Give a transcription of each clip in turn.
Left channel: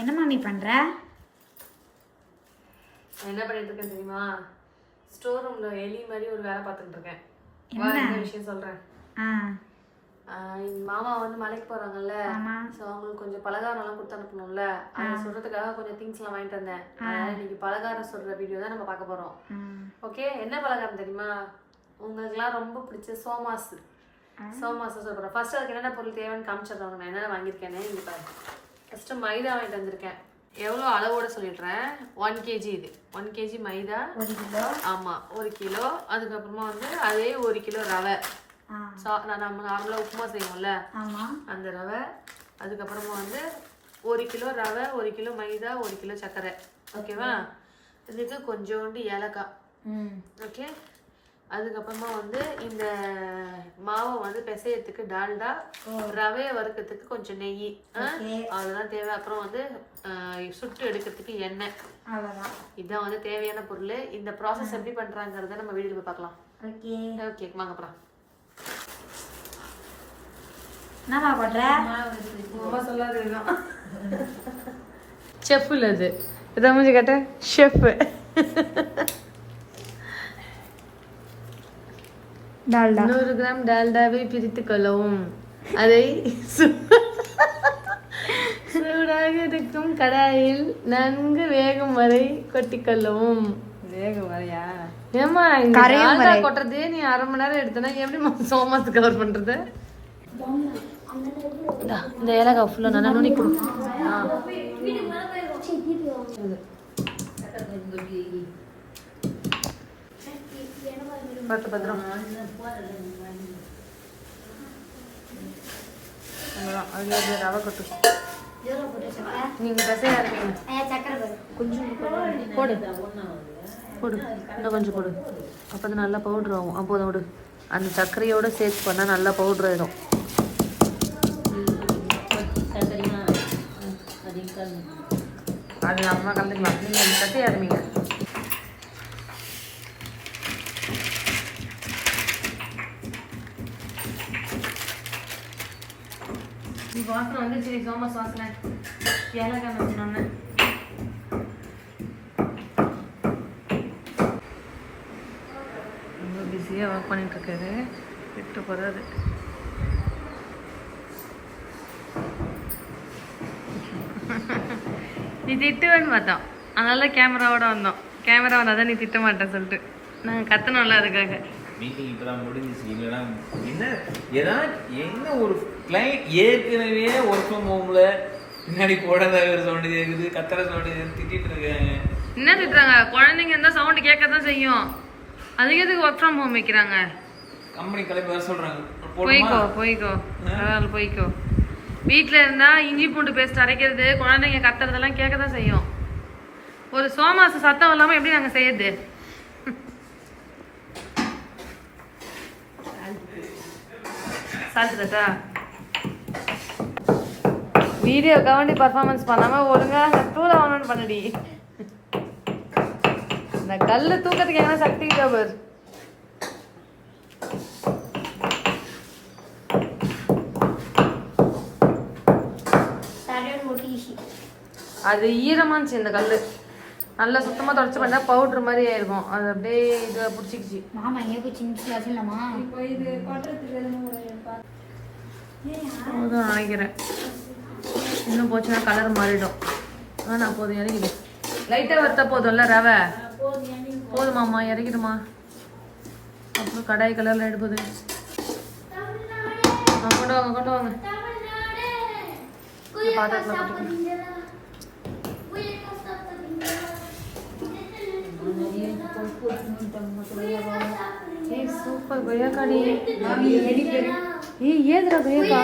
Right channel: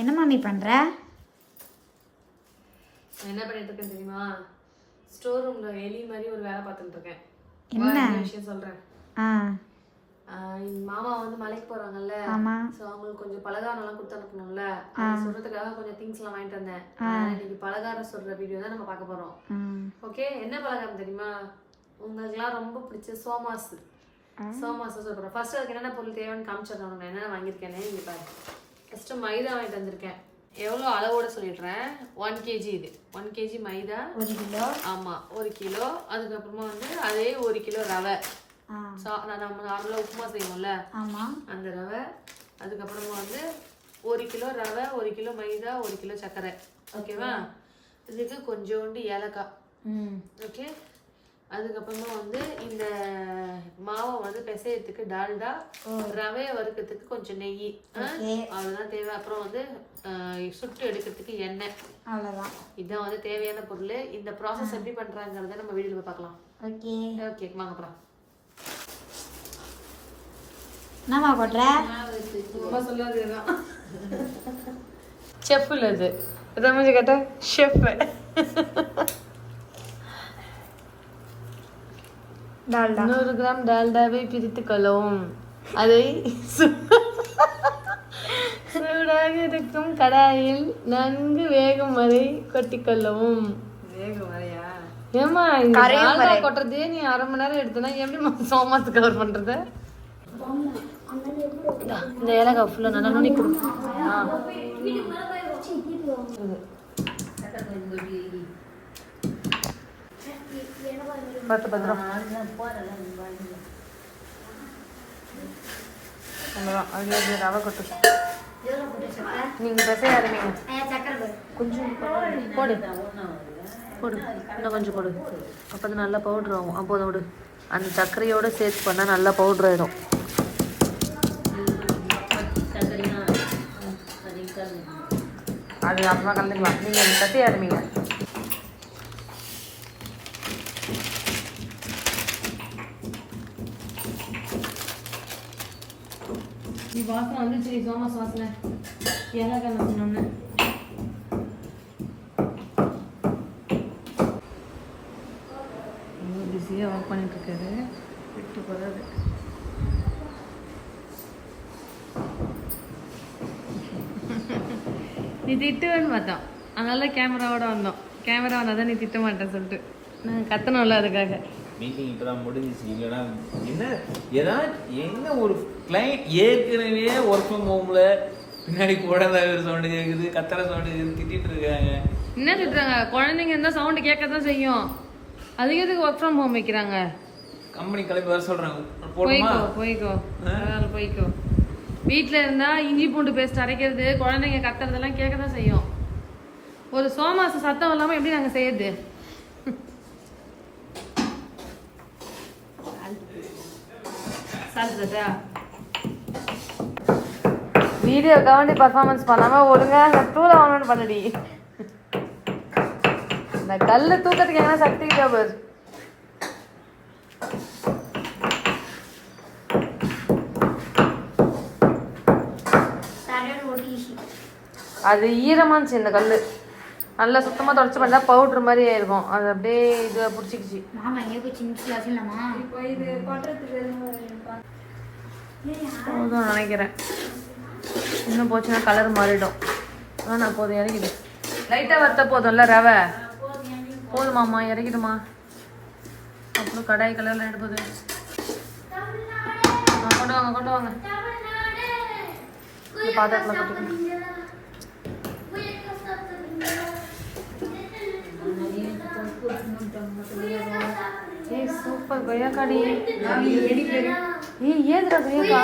என்ன மாமி பண்ற? நான் என்ன பண்ணிட்டு இருக்கேன் தெரியுமா? ஸ்டோர் ரூம்ல எலி மாதிரி ஒரு வேலை பார்த்துட்டு இருக்கேன். என்ன? விஷயம் சொல்றேன். மாமா வந்து மலைக்கு போறாங்கல்ல சோ அவங்களுக்கு கொஞ்சம் பலகாரம் எல்லாம் கொடுத்து அனுப்பணும்ல. அதை சொல்றதுக்காக கொஞ்சம் திங்ஸ் எல்லாம் வாங்கிட்டு வந்தேன். இன்னைக்கு பலகாரம் சொல்ற வீடியோ தான் நம்ம பார்க்க போறோம். ஓகே என்ன பலகாரம் தெரியுமா? உங்களுக்குலாம் ரொம்ப பிடிச்ச சோமாஸ் சோமாஸ் சொல்றேன். ஃபர்ஸ்ட் அதுக்கு என்னென்ன பொருள் தேவைன்னு காமிச்சிடுறோம் நான் என்னென்ன வாங்கியிருக்கேன்னு இங்க பாரு. ஃபர்ஸ்ட் மைதா வாங்கிட்டு வந்திருக்கேன். எவ்வளோ அளவோட சொல்லிடுறேன்? ஒன் கேஜி இது. One KG maida. ஒரு கிலோ? ஆமா ஒரு கிலோ. அதுக்கப்புறமா வந்து அதே ஒரு கிலோ ரவை. சா நான் நம்ம நார்மலாக உப்புமா செய்வோம்ல? அந்த ரவை. அதுக்கப்புறமா வந்து ஒரு கிலோ ரவை ஒரு கிலோ மைதா ஒரு கிலோ சர்க்கரை. ஓகேவா? இதுக்கு கொஞ்சோண்டு ஏலக்காய். ம். ஓகே? அதுக்கப்புறமா வந்து இந்த மாவை வந்து பிசையறதுக்கு டால்டா ரவையை வறுக்கிறதுக்கு கொஞ்சம் நெய். அதெல்லாம் தேவை. அப்புறம் வந்து சுட்டு எடுக்கிறதுக்கு எண்ணெய். அவ்வளோதான் இதான் வந்து தேவையான பொருள். இந்த ப்ராசஸ் எப்படி பண்றாங்கிறத நம்ம வீடியோல போய் பார்க்கலாம். ஓகே. ஓகே வாங்க போலாம். என்னம்மா பண்ற? அம்மா சொல்லாதுதான் செஃப்ல அது ரமேஷ் கேட்ட? ஷெஃப் டால்டா நூறு கிராம் டால்டாவை பிரித்து கொள்ளவும் அதை சூடாக இருக்கும் கடாயில் நன்கு வேகும் வரை கொட்டிக்கொள்ளவும் ஏமா இந்த டால்டா கொட்டுறதே நீ அரை மணி நேரம் எடுத்தனா எப்படி சோமாத்து கவர் பண்றது? இந்தா, ஏலக்காய் ஃபுல்லா நல்லா நுனி கொடு. பார்த்து பத்திரம் அவ்வளோதான் அது ரவை கொட்டு நீங்கள் பசைய ஆரம்பிங்க கொஞ்சம் போடு. போடு. இன்னும் கொஞ்சம் போடு. அப்போ தான் நல்லா பவுட்ரு ஆகும். அப்போதான் விடு. அந்த சர்க்கரையோட சேர்த்து பண்ணால் நல்லா பவுட்ரு ஆயிடும். அது அப்புறமா கலந்துக்கலாம். நீங்கள் பசைய ஆரம்பிங்க நீ வாசனை வந்துச்சு சோமஸ் வாசனை ஏலக்காய் வந்து நம்ம ரொம்ப பிஸியாக ஒர்க் பண்ணிட்டு இருக்காரு விட்டு போகிறாரு நீ திட்டுவேன்னு பார்த்தோம். அதனால கேமராவோட வந்தோம். கேமரா வந்தால் தான் நீ திட்ட மாட்டேன் சொல்லிட்டு. நாங்கள் கத்தணும்ல அதுக்காக. மீட்டிங் இப்பதான் முடிஞ்சிச்சு. இல்லைன்னா என்ன ஏதாவது என்ன ஒரு கிளைண்ட் ஏற்கனவே ஒர்க் ஃப்ரம் ஹோம்ல பின்னாடி குழந்தை சவுண்டு கேட்குது கத்துற சவுண்டு திட்டிட்டு இருக்காங்க. என்ன திட்டுறாங்க? குழந்தைங்க இருந்தால் சவுண்டு கேட்க தான் செய்யும். அதுக்கு எதுக்கு ஒர்க் ஃப்ரம் ஹோம் வைக்கிறாங்க? கம்பெனி கிளம்பி வர சொல்றாங்க. போய்க்கோ போய்க்கோ. பரவாயில்ல போய்க்கோ. வீட்டில் இருந்தால் இஞ்சி பூண்டு பேஸ்ட் அரைக்கிறது குழந்தைங்க கத்துறதெல்லாம் கேட்க தான் செய்யும். ஒரு சோமாசு சத்தம் இல்லாமல் எப்படி நாங்கள் செய்யறது சாப்பிட்டுட்டா வீடியோ கவண்டி பர்ஃபார்மன்ஸ் பண்ணாமல் ஒழுங்காக அந்த டூலை வாங்கணும்னு பண்ணுடி. இந்த கல் தூக்கத்துக்கு என்ன சக்தி ஜாபர்? அது ஈரமாச்சு இந்த கல் நல்லா சுத்தமாக தொடச்சி பண்ணா பவுட்ரு மாதிரி ஆயிருக்கும். அது அப்படியே இதை பிடிச்சிக்கிச்சு. மாமா சின்ன போதும் நினைக்கிறேன். இன்னும் போச்சுன்னா கலர் மாறிடும். ஆனால் போதும் இறங்கிடு. லைட்டாக வறுத்த போதும்ல ரவை? போதுமாம்மா இறங்கிடுமா? அப்புறம் கடாய் கலரில் எடுப்பது ஆ, கொண்டு வாங்க கொண்டு வாங்க. இந்த பாத்திரத்தில் ஏய் சூப்பர் கொய்யாக்காடி. ஏய் ஏதுடா கொய்யாக்கா?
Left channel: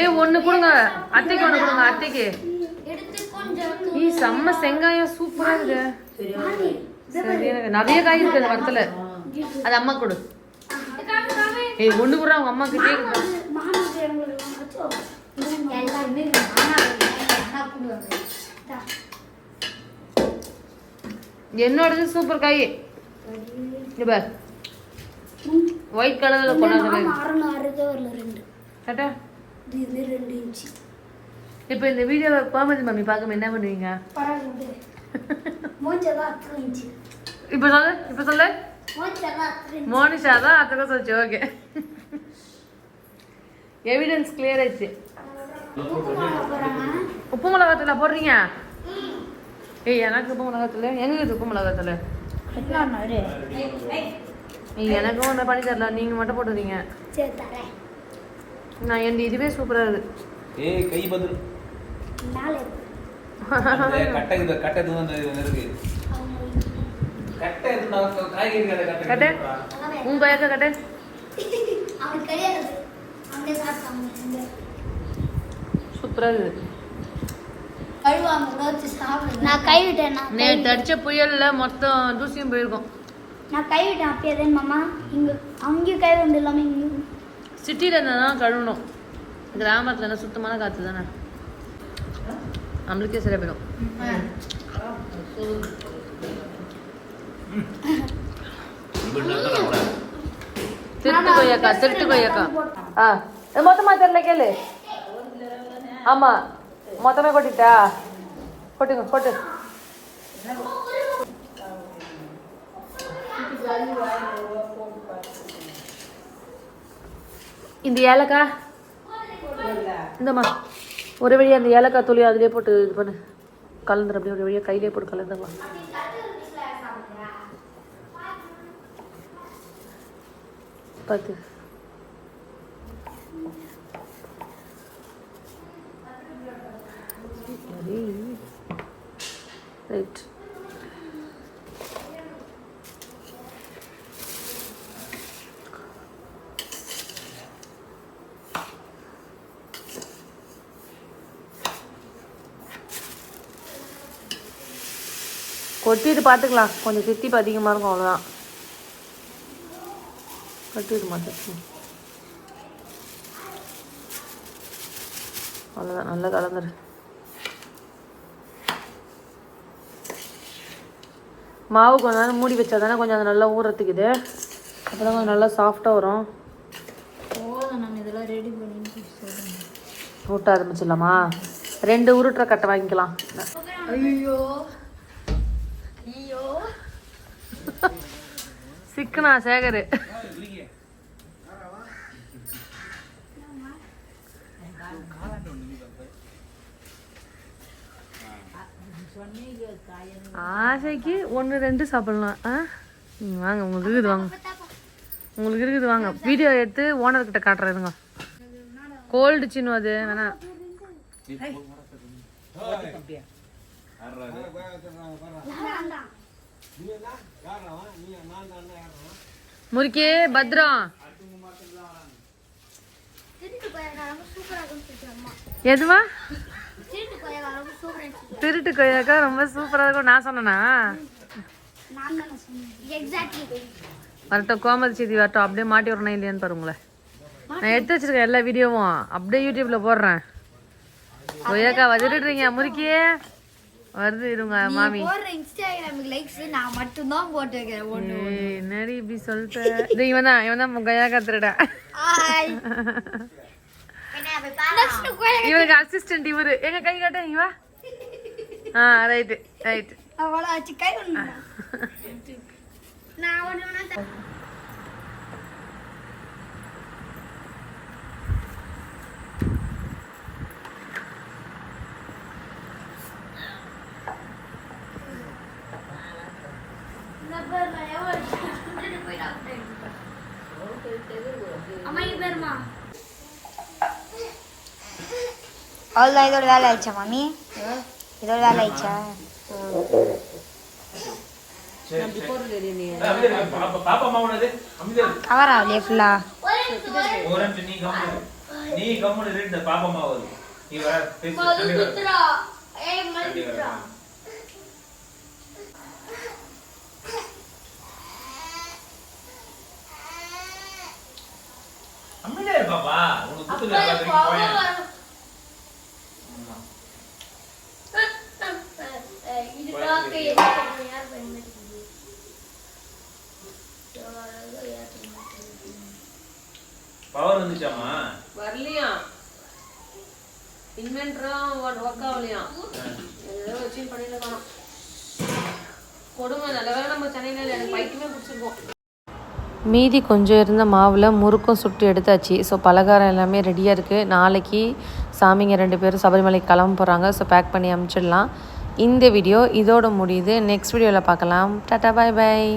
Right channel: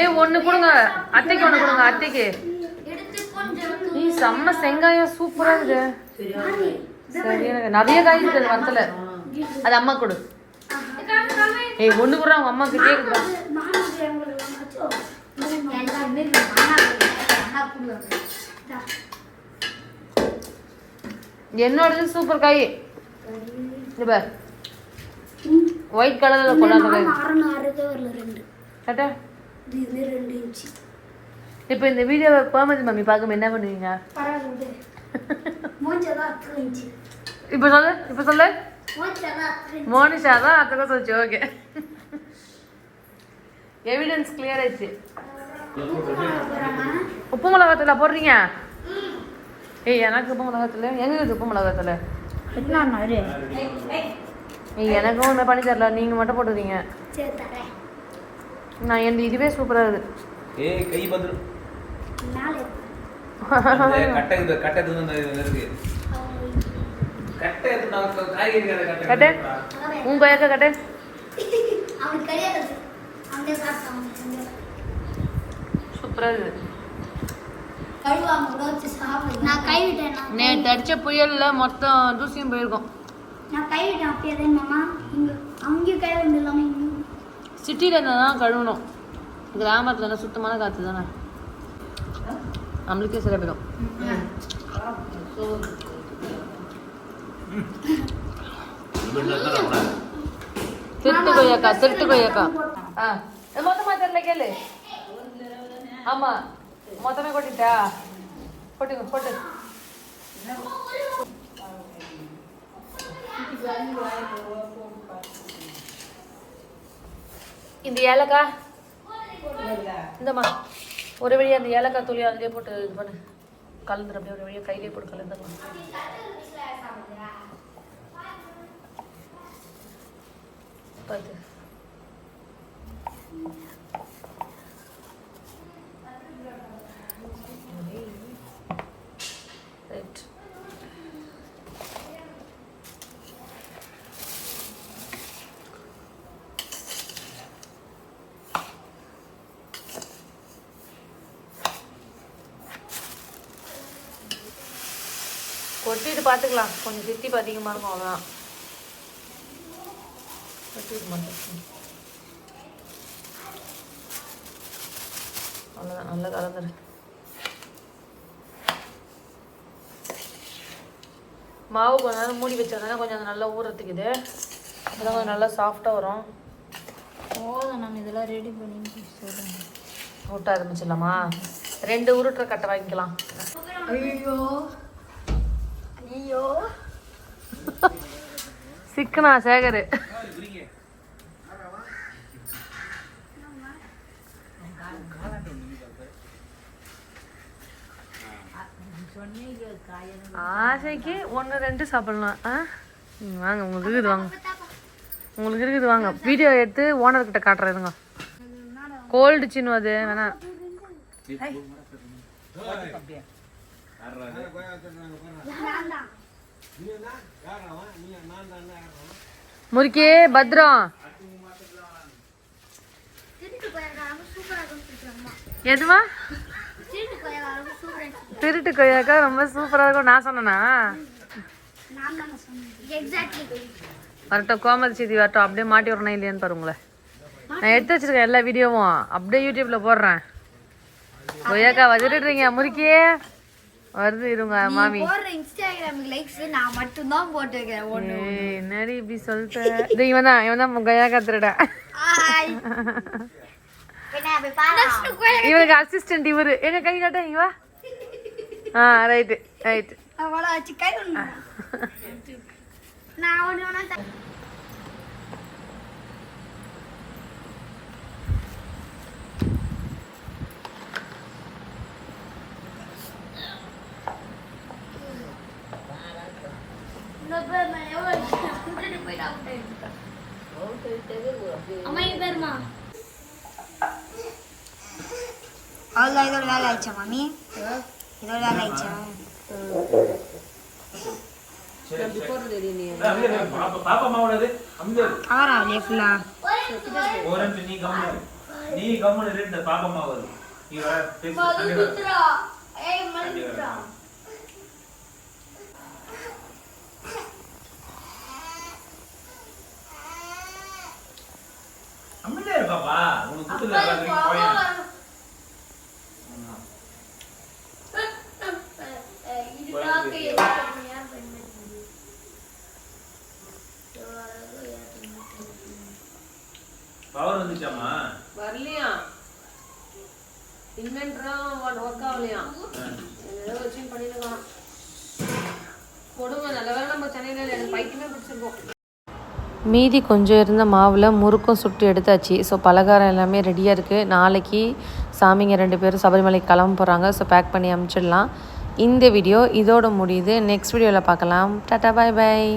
ஏய் ஒன்று கொடுங்க. அத்தைக்கு ஒன்று கொடுங்க அத்தைக்கு. ஏய் செம்ம செங்காயம் சூப்பரா இருக்குது சரி எனக்கு நிறைய காய் இருக்கு அந்த மரத்துல. அது அம்மா கொடு. ஏய் ஒண்ணு கூட அவங்க அம்மா கிட்டே இருக்கு என்னோடது சூப்பர் காய். இது பார். ஒயிட் கலர்ல கொண்டாந்து இன்ச்சு. இப்போ இந்த வீடியோவை கோமதி மம்மி பார்க்க என்ன பண்ணுவீங்க? இப்போ சொல்லு இப்போ சொல்லு. மோனிஷா தான் அத்தனை சொல்லிச்சு ஓகே எவிடன்ஸ் கிளியர் ஆயிடுச்சு. உப்பு மிளகாத்தூளா போடுறீங்க? ஏய் எனக்கு உப்பு மிளகாத்தூள் எங்க இருக்குது உப்பு ஏய் எனக்கும் ஒன்று பண்ணி தரல. நீங்கள் மட்டும் தரேன். நான் என் இதுவே சூப்பராக இருக்குது ஏய் கை பதில் கட்டை இருக்கு? உன் கொயக்க கட்டு? சூப்பராக சாப்பிடுங்க நான் கைவிட்டேன் நான் நேற்று அடிச்ச புயல்ல மொத்தம் தூசியும் போயிருக்கும். நான் கைவிட்டேன் அப்பயே தான் மாமா. இங்க அங்கேயும் கை வந்து இல்லாம இங்கேயும். சிட்டியில் இருந்தால் தான் கழுவணும். கிராமத்தில் என்ன சுத்தமான காற்று தானே? நம்மளுக்கே சரியா போயிடும் திருட்டு கொய்யாக்கா திருட்டு கொய்யாக்கா. ஆ. இது மொத்தமா தெரியல கேளு. ஆமா. மொத்தமே கொட்டிட்டா? கொட்டுங்க கொட்டு. இந்த ஏலக்காய்? இந்தம்மா ஒரு வழியா அந்த ஏலக்காய் தொழில் அதிலே போட்டு இது பண்ணு. கலந்துரு அப்படியே ஒரு வழியாக கையிலே போட்டு கலந்துமா பத்து. ரைட் கொட்டிட்டு பார்த்துக்கலாம் கொஞ்சம் தித்திப்பு அதிகமாக இருக்கும் அவ்வளோதான் கொட்டிட்டு மாட்டேன் அவ்வளோதான் நல்லா கலந்துரு. மாவு கொஞ்ச நேரம் மூடி வச்சா தானே கொஞ்சம் அது நல்லா ஊறத்துக்குது. அப்போ கொஞ்சம் நல்லா சாஃப்டாக வரும். போதும் நான் இதெல்லாம் ரெடி பண்ணி ஊட்ட ஆரம்பிச்சிடலாமா? ரெண்டு உருட்டுற கட்டை வாங்கிக்கலாம். ஐயோ. ஐயோ. சிக்கனா சேகர். ஆசைக்கு ஒன்று ரெண்டு சாப்பிடலாம். ஆ? வாங்க உங்களுக்கு இருக்குது வாங்க. உங்களுக்கு இருக்குது வாங்க. வீடியோ எடுத்து ஓனர்கிட்ட காட்டுறதுங்க கோல்டு சின்னு அது வேணா. முறுக்கே பத்ரம் எதுவா? திருட்டு கொய்யாக்கா ரொம்ப சூப்பராக இருக்கும். நான் சொன்னேனா? வரட்டும் கோமதி செய்தி வரட்டும். அப்படியே மாட்டி வரணும் இல்லையான்னு பாருங்களேன் நான் எடுத்து வச்சிருக்கேன் எல்லா வீடியோவும். அப்படியே யூடியூப்ல போடுறேன். கொய்யாக்கா வச்சுட்டுறீங்க முறுக்கியே வருது இதுங்க மாமி. இன்ஸ்டாகிராமுக்கு லைக்ஸ் நான் போட்டு வைக்கிறேன். என்னடி இப்படி இவன் தான் இவன் தான் கொய்யாக்கா திருடா. இவனுக்கு அசிஸ்டன்ட் இவரு. எங்க கை காட்ட இங்க வா. ஆ ரைட்டு ரைட்டு அவ்வளோ வச்சு கை ஒன்று நான் ஒன்று வேணா அவ்வளோதான் இதோட வேலை ஆயிடுச்சா மாமி இதோட வேலை ஆயிடுச்சா. கவர் ஆகலையே ஃபுல்லா நீ கம்முனு நீ கம்முனு இரு, இந்த பாப்பா மாவது நீ வர. அமைதியா பாப்பா உனக்கு குத்துல ஆகலையாம் ஏதோ வச்சு பண்ணிட்டு கொடுமை நல்ல நம்ம சென்னையில் எனக்கு பைக்குமே பிடிச்சிருக்கோம். மீதி கொஞ்சம் இருந்த மாவில் முறுக்கும் சுட்டு எடுத்தாச்சு. ஸோ பலகாரம் எல்லாமே ரெடியாக இருக்குது நாளைக்கு சாமிங்க ரெண்டு பேரும் சபரிமலைக்கு கிளம்ப போகிறாங்க ஸோ பேக் பண்ணி அமுச்சிடலாம். இந்த வீடியோ இதோட முடியுது. நெக்ஸ்ட் வீடியோவில் பார்க்கலாம். டாட்டா பாய் பாய்